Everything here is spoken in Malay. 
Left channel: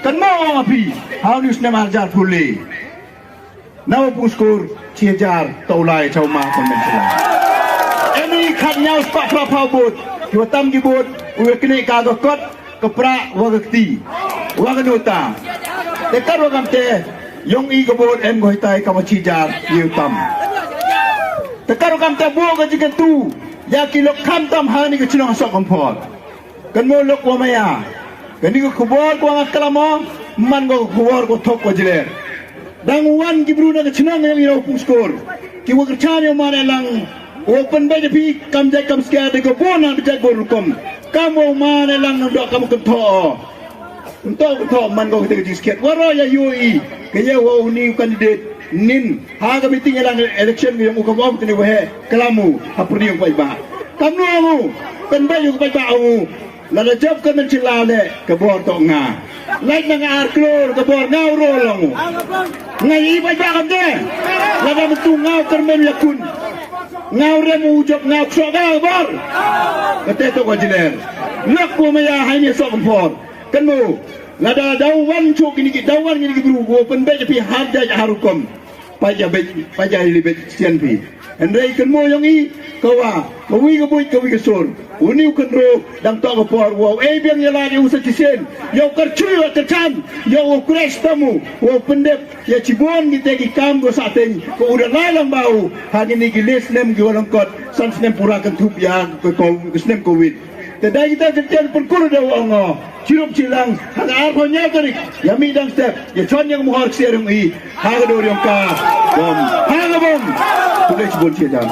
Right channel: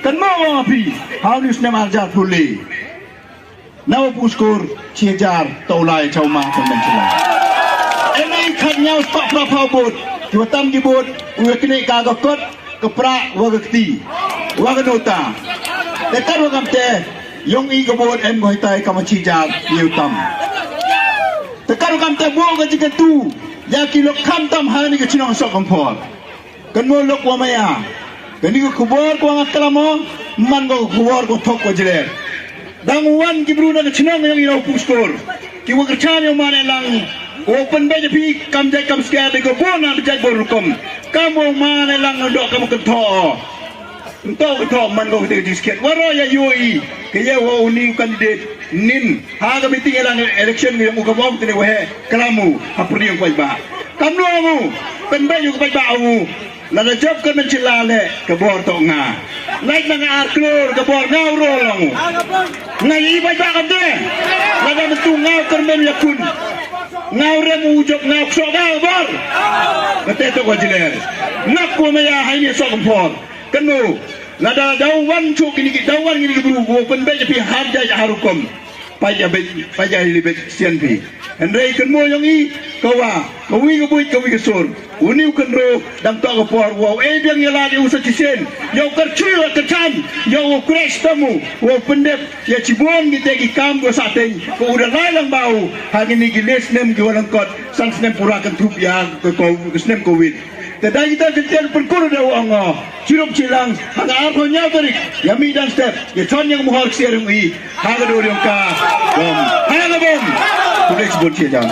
Kan mau api harus nama jar pulih. Nama puskur ciajar taulai cauma konvensional. Ini khanya pak prabot, juatam dibut, uekni kagakot kepra wagakti, waganota. Dekat wagamte, yong i kebot em goitai kamacijar yutam. Dekat wagamte buang kajikan tu, ya kilo kantam hani kecunang Sohkymphor. Kan mau lok wamaya. Kani ko kubor ko ang kalamo man ko kubor ko thok ko jile dang wan gibru na china ng iraw puskor ki wo kachan yo mane lang open ba japi kam jai kam skya de ko bona jai bor kom kam wo mane lang do kam ko tho to man ko de disket waro ya yoi ke ye wo ni candidate nin ha ga meeting elang election yo ko bo tene we kalamu hapuri ko ba kam no mo pen ba yo ko ba o Nada job kan Shylla le kebor to nga. Naik na arklor kebor ngau rolong. Ngai iba ba kadre. Nada betu ngau kyrmen yakun. Ngau remu ujok ngau sogal bor. Kate to wajiler. Nak ko maya haini Sohkymphor. Kanu nada dawan chok ini dawan ini guru go pen be pi habja harukom. Paja libet sian pi. Andai kan mo yang i kawa kawi kabuit kawi kasur uniu kenro dan tak kapor wow biang yala di usa cisen yo kercul kecan yo crash tamu wow pendep ya cibon kita gi kam go sateng ko udah lalang bau hari ni giles nem jualan kot sans nem pura kan tup ya ko nem covid tadai kita ketel perkuru dah ongo cirup cilang hanga arho nya tarik yami dan step ya con yang muhar siarung i haga do yang ka bom hanga bom tulis bol cia